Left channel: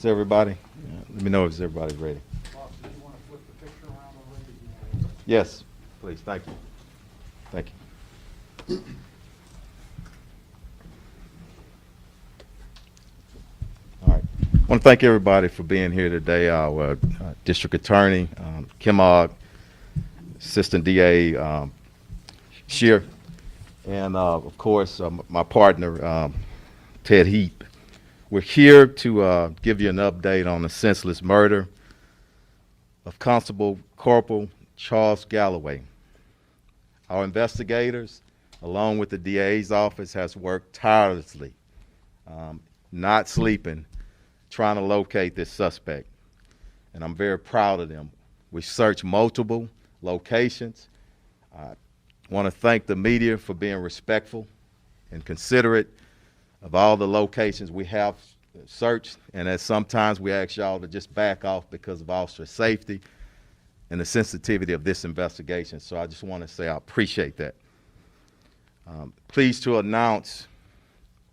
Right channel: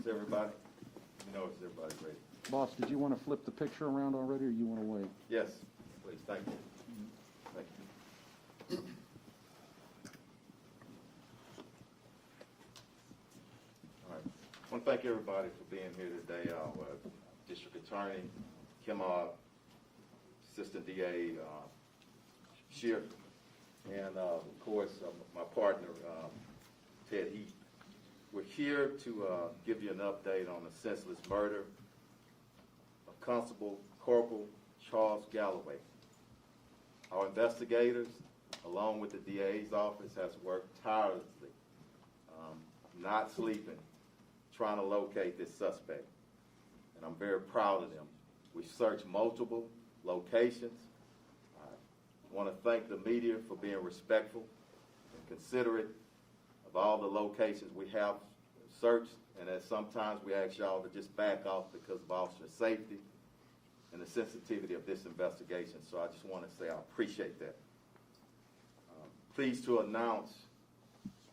Is everybody? Let me know if everybody's ready. Boss, did you want to flip the picture around already, or you want to wait? Yes, please. Thank you. Thank you. All right. I want to thank everybody for being here today. Our District Attorney, Kim Ogg, Assistant DA, Shear, and of course, my partner, Ted Heap. We're here to give you an update on the senseless murder of Constable Corporal Charles Galloway. Our investigators, along with the DA's office, has worked tirelessly, not sleeping, trying to locate this suspect. And I'm very proud of them. We searched multiple locations. I want to thank the media for being respectful and considerate of all the locations we have searched, and as sometimes we ask y'all to just back off because of officer safety and the sensitivity of this investigation. So I just want to say I appreciate that. Pleased to announce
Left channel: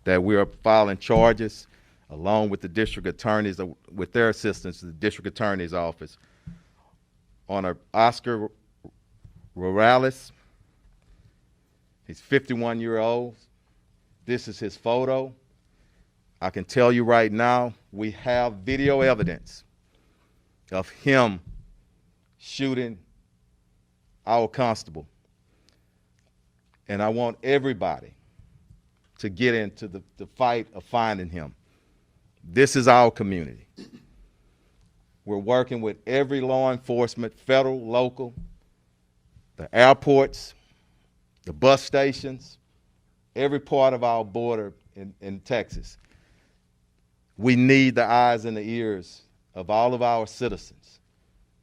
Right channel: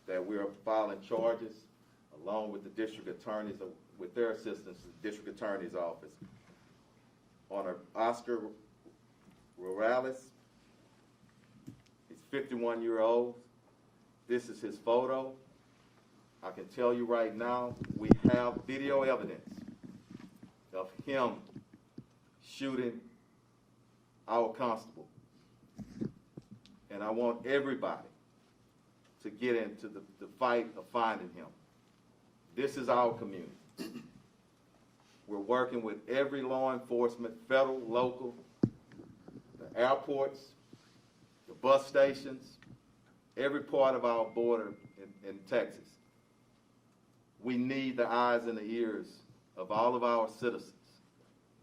that we are filing charges along with the district attorneys, with their assistance, the district attorney's office, on Oscar Morales. He's 51-year-old. This is his photo. I can tell you right now, we have video evidence of him shooting our constable. And I want everybody to get into the fight of finding him. This is our community. We're working with every law enforcement, federal, local, the airports, the bus stations, every part of our border in Texas. We need the eyes and the ears of all of our citizens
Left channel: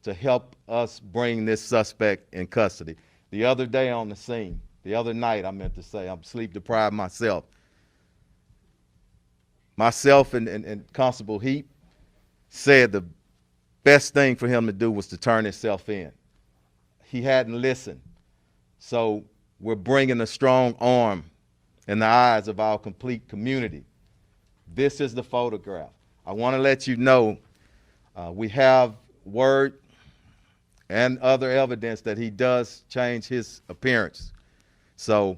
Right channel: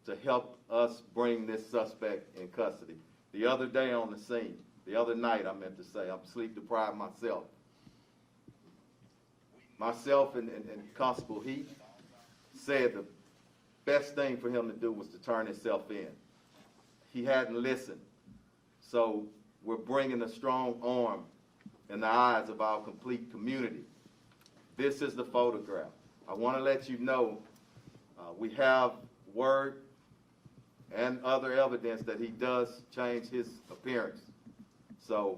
to help us bring this suspect in custody. The other day on the scene, the other night I meant to say, I'm sleep deprived myself. Myself and Constable Heap said the best thing for him to do was to turn himself in. He hadn't listened. So we're bringing a strong arm in the eyes of our complete community. This is the photograph. I want to let you know we have word and other evidence that he does change his appearance. So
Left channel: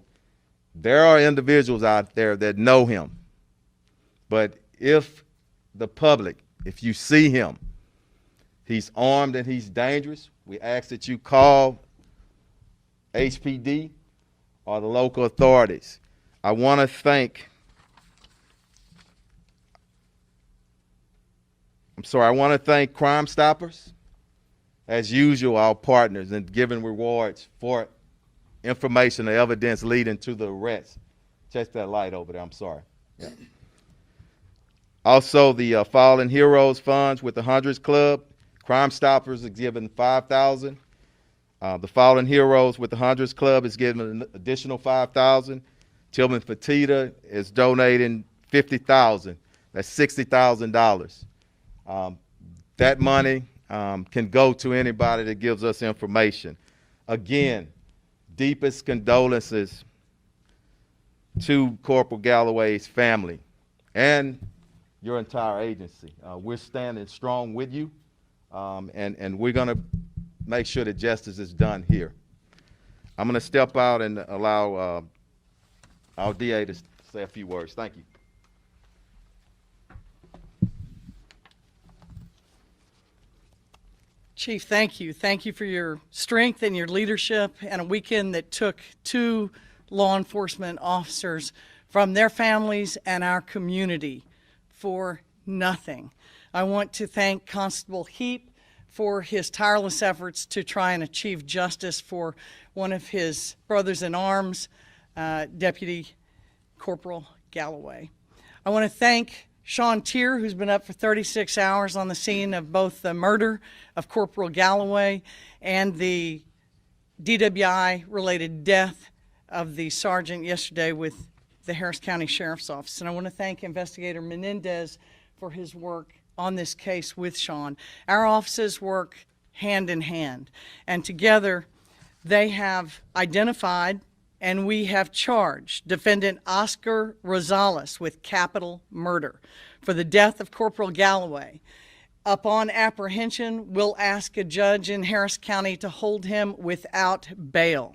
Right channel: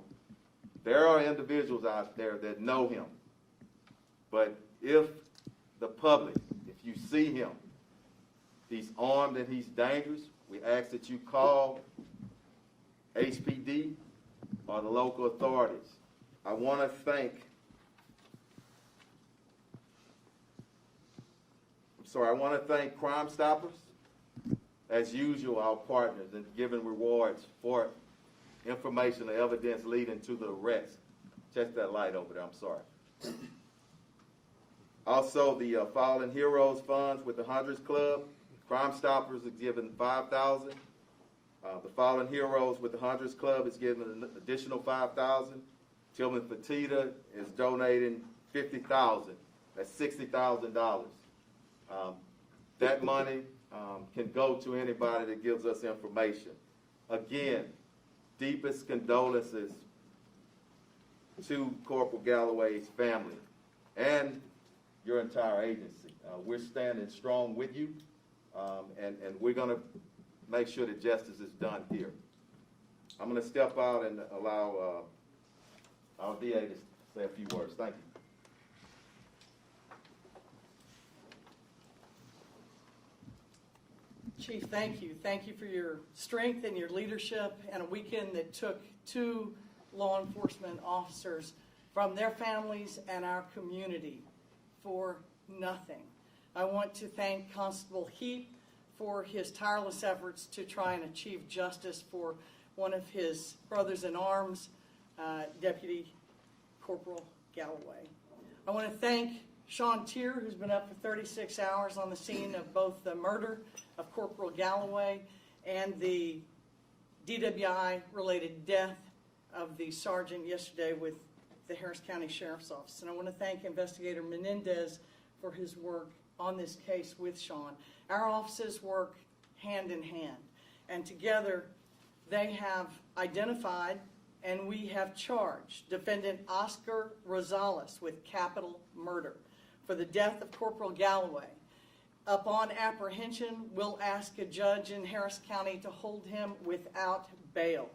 there are individuals out there that know him. But if the public, if you see him, he's armed and he's dangerous, we ask that you call HPD or the local authorities. I want to thank Crime Stoppers, as usual, our partners in giving rewards for information and evidence leading to the arrest. Check that light over there, I'm sorry. Yeah. Also, the Fallen Heroes Funds with the Hundreds Club. Crime Stoppers is giving $5,000. The Fallen Heroes with the Hundreds Club is giving an additional $5,000. Tillman Fertitta is donating $50,000. That's $60,000. That money can go to anybody that gives us information. Again, deepest condolences to Corporal Galloway's family and your entire agency. We're standing strong with you, and we're going to make sure that justice is done here. I'm going to step out and allow our DA to say a few words. Thank you. Chief, thank you. Thank you for your strength and your leadership and a weekend that took 2 law enforcement officers from their families and our community for nothing. I want to thank Constable Heap for his tireless efforts to try and achieve justice for one of his brothers in arms, Deputy Corporal Galloway. I want to thank Sean Tier, who's been up for 36 hours on the scene of both the murder of Corporal Galloway and the DWI-related death of the sergeant yesterday with the Harris County Sheriff's Office. And I want to thank Investigator Menendez for his work on this case with Sean. Our offices work hand in hand, and together they have identified and we have charged defendant Oscar Rosales with capital murder for the death of Corporal Galloway. Upon apprehension, we'll ask a judge in Harris County to hold him without bail.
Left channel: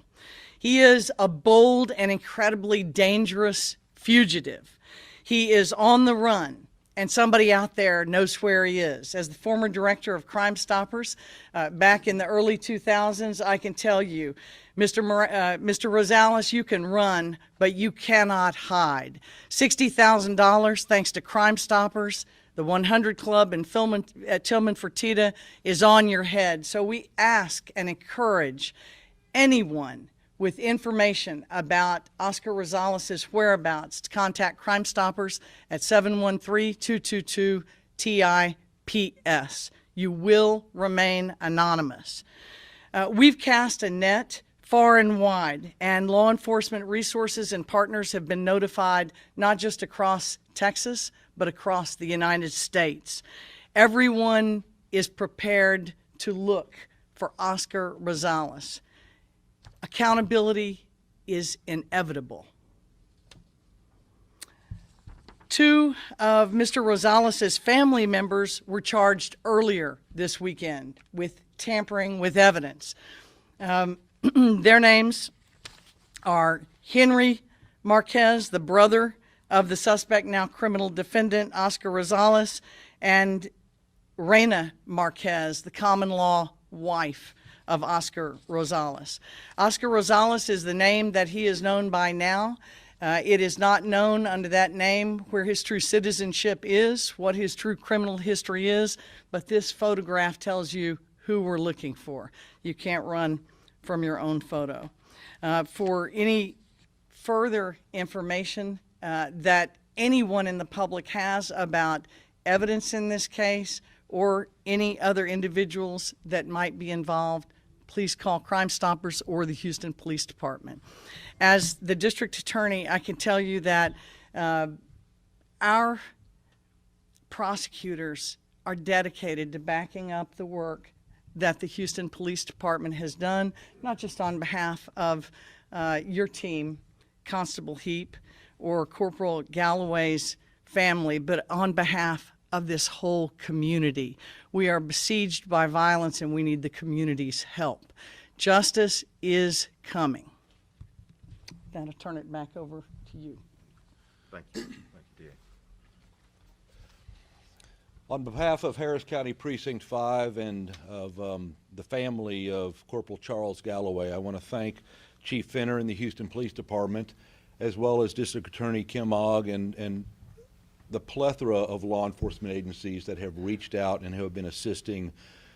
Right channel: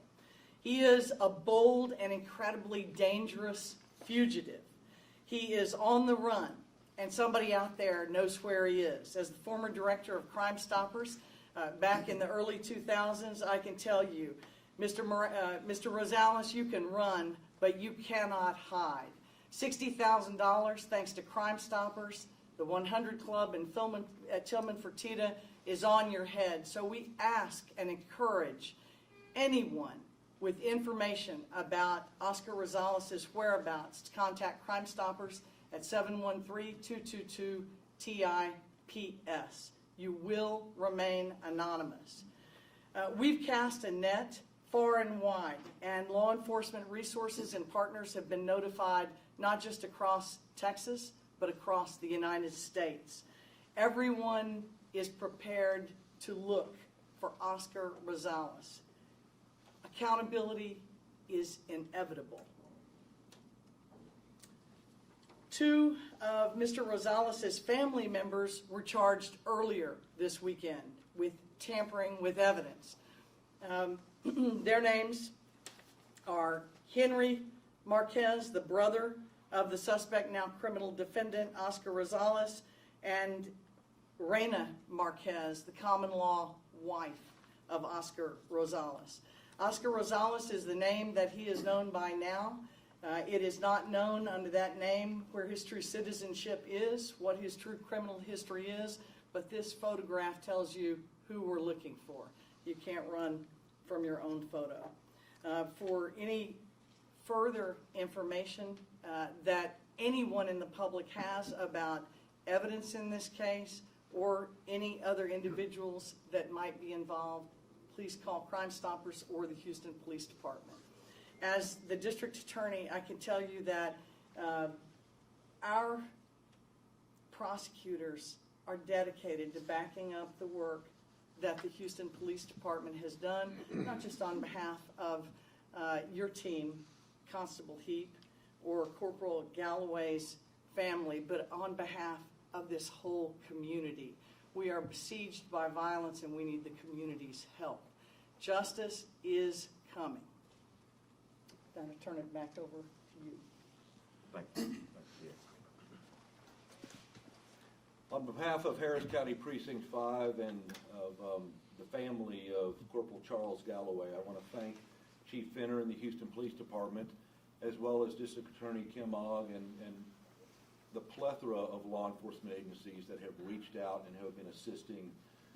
He is a bold and incredibly dangerous fugitive. He is on the run, and somebody out there knows where he is. As the former director of Crime Stoppers back in the early 2000s, I can tell you, Mr. Rosales, you can run, but you cannot hide. $60,000 thanks to Crime Stoppers. The 100 Club in Tillman Fertitta is on your head. So we ask and encourage anyone with information about Oscar Rosales' whereabouts to contact Crime Stoppers at 713-222-TIPS. You will remain anonymous. We've cast a net far and wide, and law enforcement resources and partners have been notified not just across Texas, but across the United States. Everyone is prepared to look for Oscar Rosales. Accountability is inevitable. Two of Mr. Rosales' family members were charged earlier this weekend with tampering with evidence. Their names are Henry Marquez, the brother of the suspect, now criminal defendant, Oscar Rosales, and Reina Marquez, the common law wife of Oscar Rosales. Oscar Rosales is the name that he is known by now. It is not known under that name where his true citizenship is, what his true criminal history is, but this photograph tells you who we're looking for. You can't run from your own photo. For any further information that anyone in the public has about evidence in this case or any other individuals that might be involved, please call Crime Stoppers or the Houston Police Department. As the district attorney, I can tell you that our prosecutors are dedicated to backing up the work that the Houston Police Department has done, not just on behalf of your team, Constable Heap, or Corporal Galloway's family, but on behalf of this whole community. We are besieged by violence and we need the community's help. Justice is coming. Then I'll turn it back over to you. Thank you. Thank you. On behalf of Harris County Precinct 5 and of the family of Corporal Charles Galloway, I want to thank Chief Finner and the Houston Police Department, as well as District Attorney Kim Ogg and the plethora of law enforcement agencies that have reached out and have been assisting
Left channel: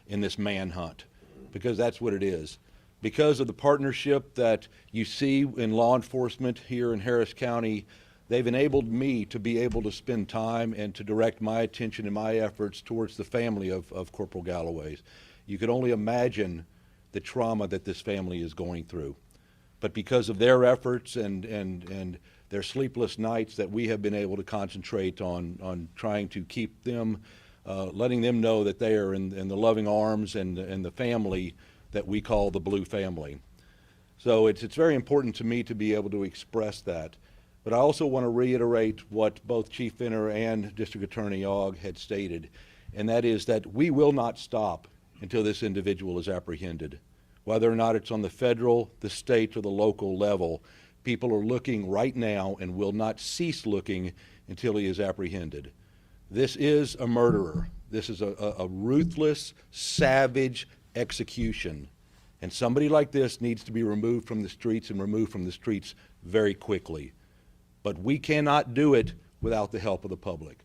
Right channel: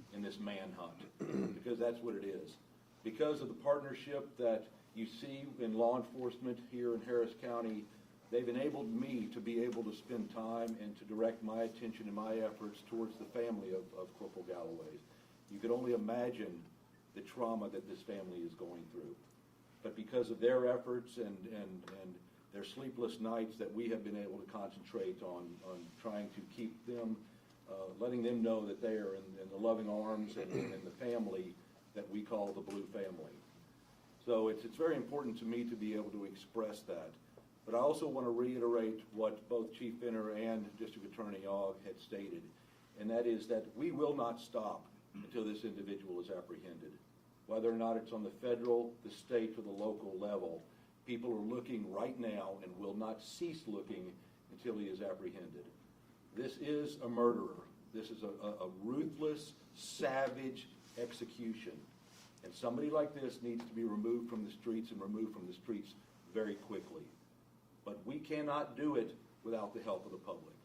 in this manhunt, because that's what it is. Because of the partnership that you see in law enforcement here in Harris County, they've enabled me to be able to spend time and to direct my attention and my efforts towards the family of Corporal Galloway's. You can only imagine the trauma that this family is going through. But because of their efforts and their sleepless nights, that we have been able to concentrate on trying to keep them, letting them know that they are in the loving arms and the family that we call the Blue family. So it's very important to me to be able to express that. But I also want to reiterate what both Chief Finner and District Attorney Ogg had stated, and that is that we will not stop until this individual is apprehended. Whether or not it's on the federal, the state, or the local level, people are looking right now and will not cease looking until he is apprehended. This is a murderer. This is a ruthless, savage execution. And somebody like this needs to be removed from the streets and removed from the streets very quickly. But we cannot do it without the help of the public.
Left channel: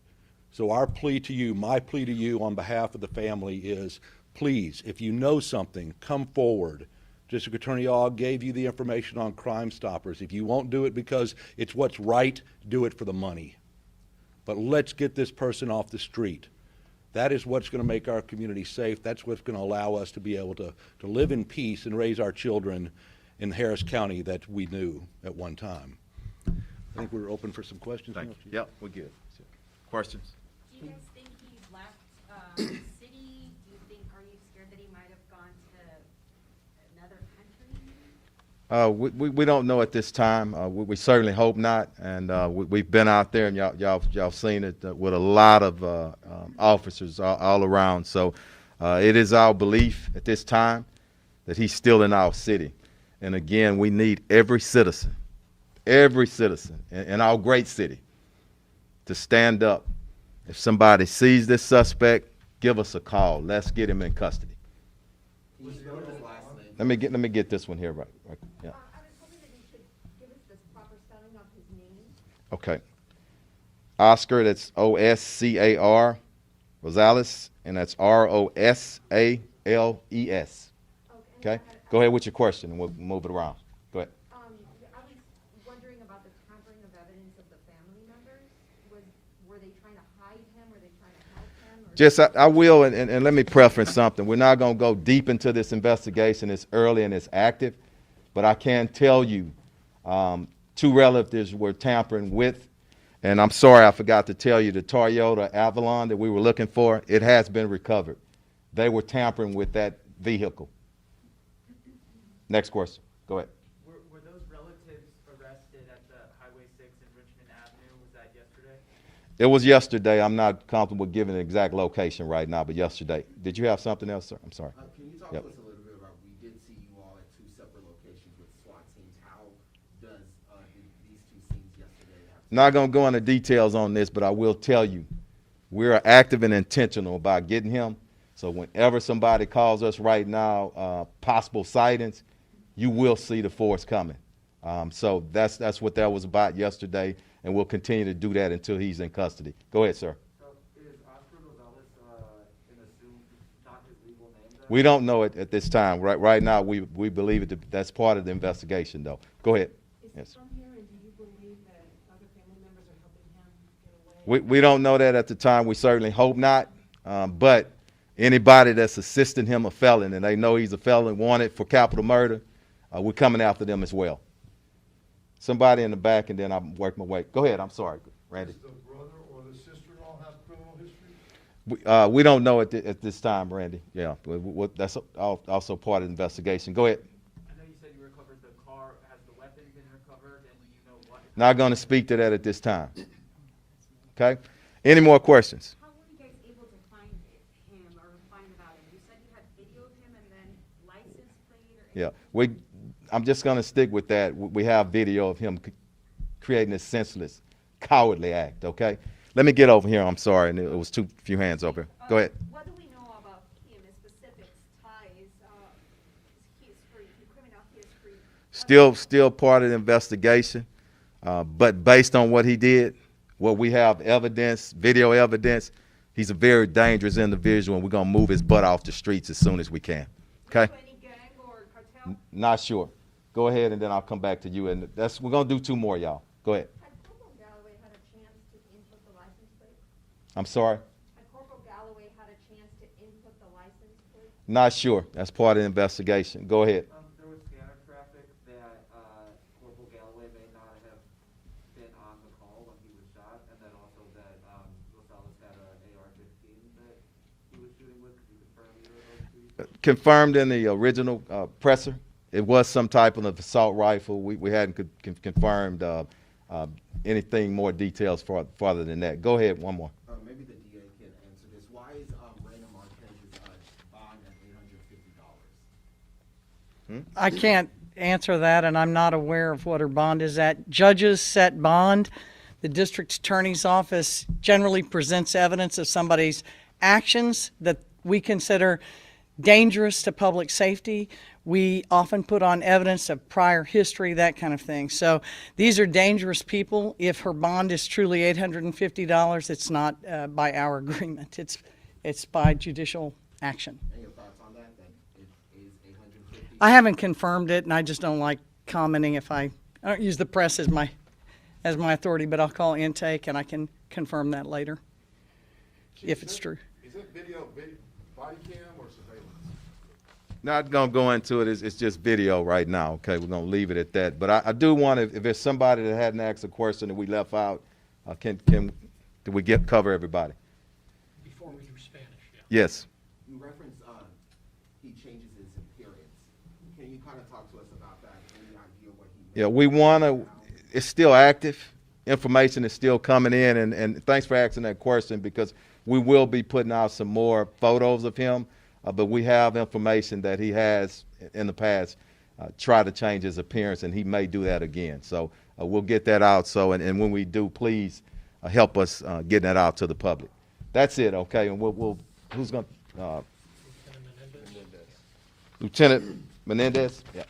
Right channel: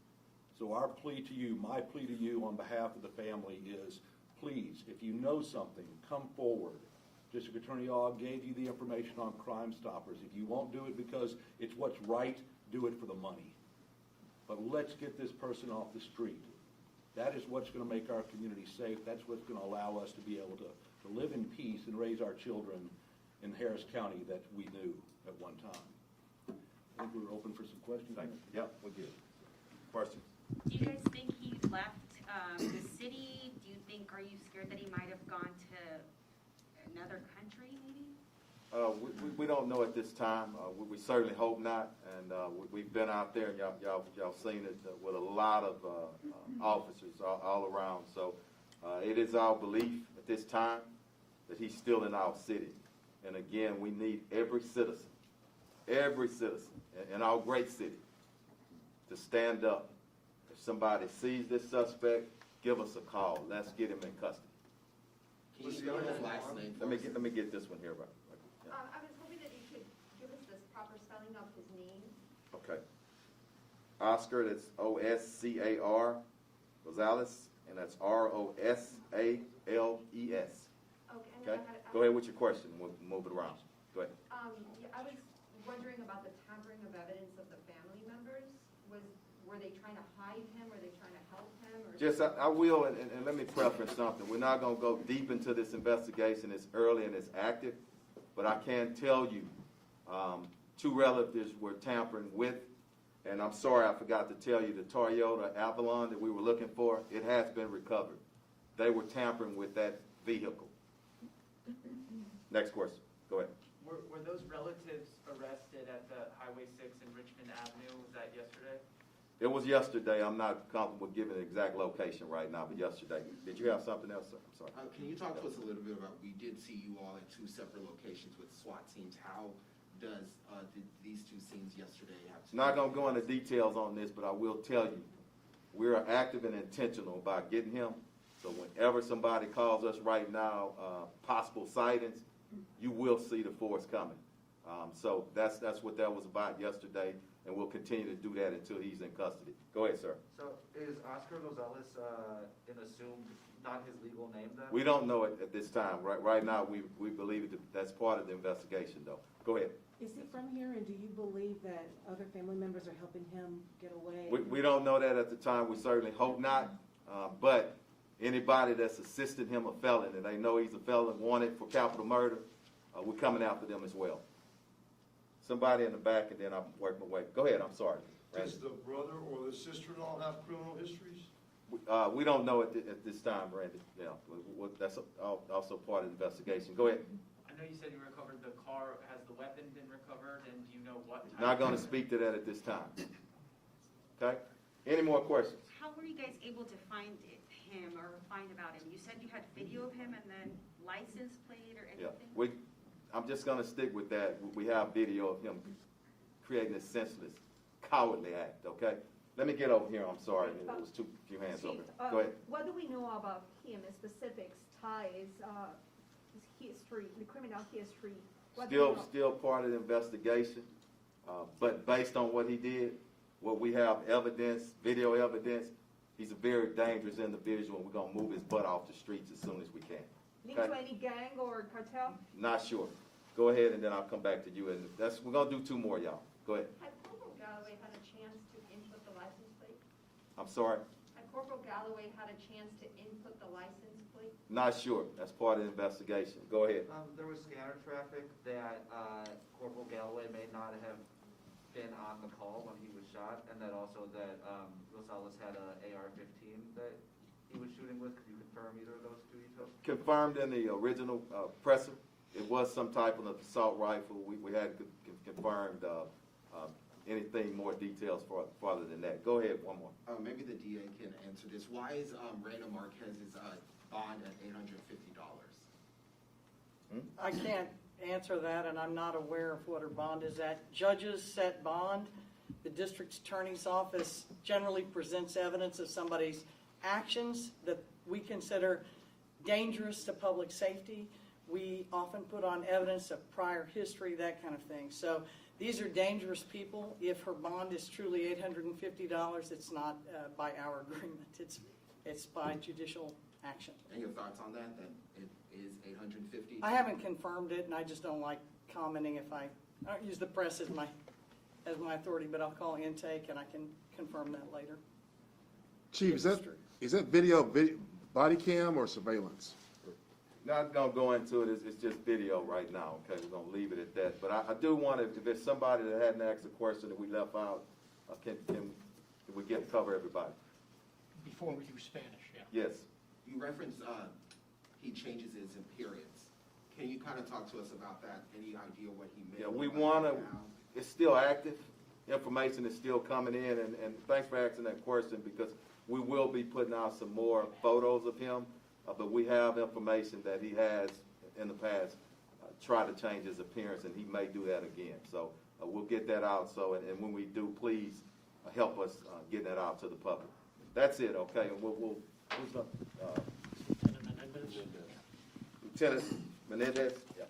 So our plea to you, my plea to you on behalf of the family is, please, if you know something, come forward. District Attorney Ogg gave you the information on Crime Stoppers. If you won't do it because it's what's right, do it for the money. But let's get this person off the street. That is what's going to make our community safe. That's what's going to allow us to be able to live in peace and raise our children in Harris County that we knew at one time. I think we're open for some questions. Thank you. Yep, we're good. So, questions? Do you guys think he's left the city? Do you think, are you scared that he might have gone to another country? We don't know at this time. We certainly hope not. And we've been out there, and y'all seen it with a lot of officers all around. So it is our belief at this time that he's still in our city. And again, we need every citizen in our great city to stand up. If somebody sees this suspect, give us a call. Let's get him in custody. Let me get this one here. Right. Yeah. I was hoping that you could give us the proper spelling of his name. Okay. Oscar, that's Oscar Rosales, and that's Rosales. Okay? Go ahead with your question, and we'll move it around. Go ahead. I was wondering about the tampering of evidence of the family members. Were they trying to hide him? Were they trying to help him? Or? Just, I will, and let me preference something. We're not going to go deep into this investigation. It's early and it's active. But I can tell you, 2 relatives were tampering with, and I'm sorry I forgot to tell you, the Toyota Avalon that we were looking for, it has been recovered. They were tampering with that vehicle. Next question. Go ahead. Were those relatives arrested at the Highway 6 in Richmond Avenue? Was that yesterday? It was yesterday. I'm not comfortable giving an exact location right now, but yesterday. Did you have something else, sir? I'm sorry. Can you talk Yep. to us a little bit about, we did see you all at 2 separate locations with SWAT teams. How does these 2 scenes yesterday have to? Not going to go into details on this, but I will tell you, we are active and intentional about getting him. So whenever somebody calls us right now, possible sightings, you will see the force coming. So that's what that was about yesterday, and we'll continue to do that until he's in custody. Go ahead, sir. So is Oscar Rosales an assumed, not his legal name then? We don't know it at this time. Right now, we believe that's part of the investigation, though. Go ahead. Is he Yes. from here, and do you believe that other family members are helping him get away? We don't know that at the time. We certainly hope not. But anybody that's assisting him a felon, and they know he's a felon wanted for capital murder, we're coming after them as well. Somebody in the back, and then I'll work my way. Go ahead. I'm sorry, Randy. Does the brother or the sister-in-law have criminal histories? We don't know at this time, Randy. Yeah, but that's also part of the investigation. Go ahead. I know you said you recovered the car. Has the weapon been recovered, and do you know what? Not going to speak to that at this time. Okay? Any more questions? How were you guys able to find him or find about him? You said you had video of him and then license plate or anything? Yeah, I'm just going to stick with that. We have video of him creating this senseless, cowardly act, okay? Let me get over here. I'm sorry, and it was few hands over. Go ahead. What do we know about him, his specifics, ties, his history, the criminal history? Still part of the investigation, but based on what he did, what we have evidence, video evidence, he's a very dangerous individual, and we're going to move his butt off the streets as soon as we can, okay? To any gang or cartel? Not sure. Go ahead, and then I'll come back to you, and we're going to do 2 more, y'all. Go ahead. Had Corporal Galloway had a chance to input the license plate? I'm sorry? Had Corporal Galloway had a chance to input the license plate? Not sure. That's part of the investigation. Go ahead. There was scanner traffic that Corporal Galloway may not have been on the call when he was shot, and that also that Rosales had a AR-15 that he was shooting with. Could you confirm either of those 2? Confirmed in the original presser. It was some type of assault rifle. We hadn't confirmed anything more details farther than that. Go ahead, one more. Maybe the DA can answer this. Why is Reyna Marquez's bond at $850? I can't answer that, and I'm not aware of what her bond is at. Judges set bond. The district attorney's office generally presents evidence of somebody's actions that we consider dangerous to public safety. We often put on evidence of prior history, that kind of thing. So these are dangerous people. If her bond is truly $850, it's not by our agreement. It's by judicial action. And your thoughts on that? Then it is $850? I haven't confirmed it, and I just don't like commenting if I don't use the press as my authority, but I'll call intake, and I can confirm that later. Chief, If it's true. Is that video body cam or surveillance? Not going to go into it. It's just video right now, okay? We're going to leave it at that. But I do want to, if there's somebody that hadn't asked a question that we left out, do we cover everybody? Before we do Spanish, yeah. Yes. You referenced he changes his appearance. Can you kind kind of talk to us about that, any idea what he made? Yeah, we want to, it's still active. Information is still coming in, and thanks for asking that question, because we will be putting out some more photos of him, but we have information that he has in the past tried to change his appearance, and he may do that again. So we'll get that out. So, and when we do, please help us getting that out to the public. That's it, okay? And we'll who's going to, Lieutenant Menendez? Yeah.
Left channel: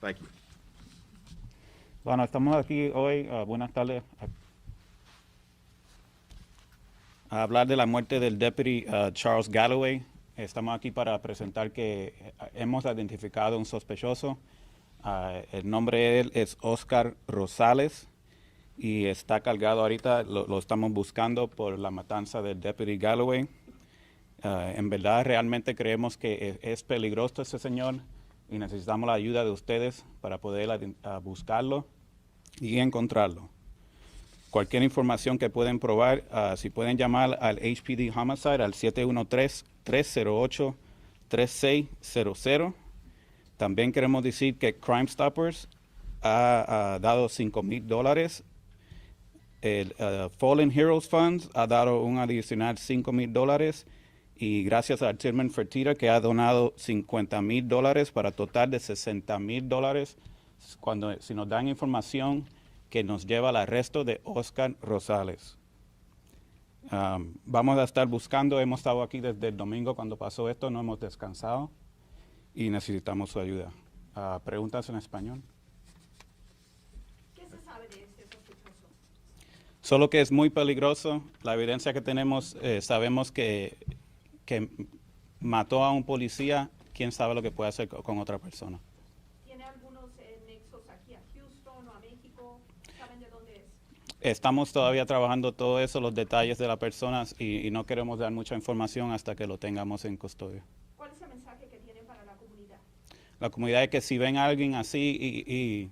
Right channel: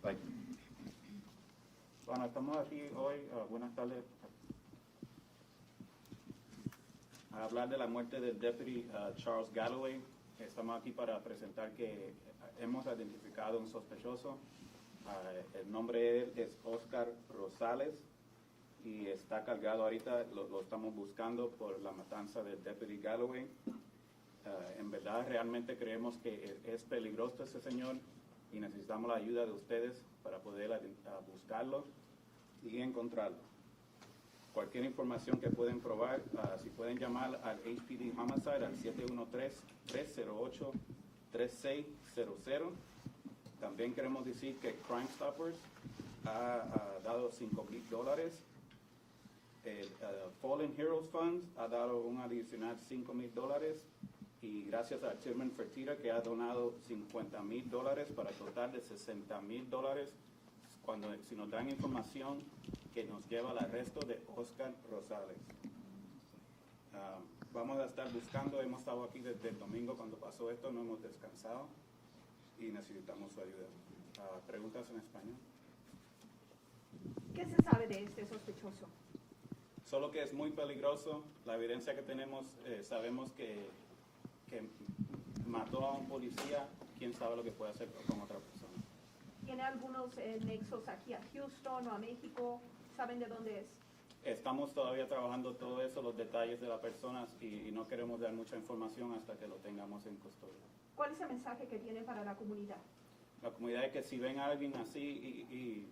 Thank you. Bueno, estamos aquí hoy, buenas tardes, a hablar de la muerte del deputy Charles Galloway. Estamos aquí para presentar que hemos identificado un sospechoso. El nombre de él es Oscar Rosales y está cargado ahorita, lo estamos buscando por la matanza del deputy Galloway. En verdad, realmente creemos que es peligroso ese señor y necesitamos la ayuda de ustedes para poder buscarlo y encontrarlo. Cualquier información que pueden probar, si pueden llamar al HPD Homicide al 713-308-3600. También queremos decir que Crime Stoppers ha dado $5,000. El Fallen Heroes Funds ha dado un adicional $5,000. Y gracias a Tilman Fertitta, que ha donado $50,000 para total de $60,000 si nos dan información que nos lleva al arresto de Oscar Rosales. Vamos a estar buscando, hemos estado aquí desde el domingo cuando pasó esto, no hemos descansado y necesitamos su ayuda. ¿Preguntas en español? ¿Qué se sabe de este sospechoso? Solo que es muy peligroso. La evidencia que tenemos, sabemos que mató a un policía, quién sabe lo que puede hacer con otra persona. ¿Tiene algunos nexos aquí a Houston o a México? ¿Saben de dónde es? Estamos todavía trabajando todo eso, los detalles de las personas, y no queremos dar mucha información hasta que lo tengamos en custodia. ¿Cuál es el mensaje que tiene para la comunidad? La comunidad es que si ven a alguien así, y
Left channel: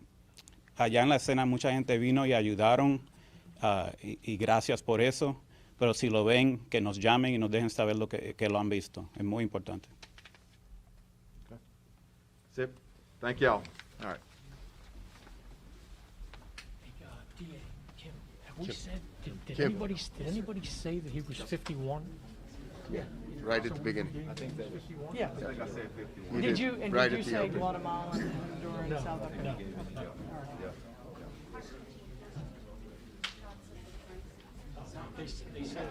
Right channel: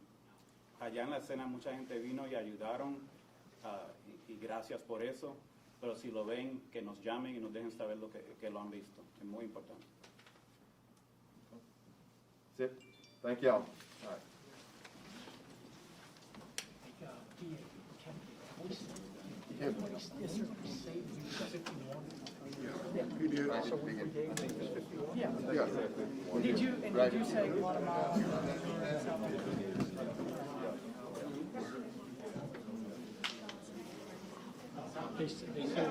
allá en la escena mucha gente vino y ayudaron, y gracias por eso. Pero si lo ven, que nos llamen y nos dejen saber que lo han visto. Es muy importante. That's it. Thank y'all. All right. Have we said, did anybody say that he was 51? Right at the beginning. Yeah. He Did you right at the say end. Guatemala when you were in South America? They said, they said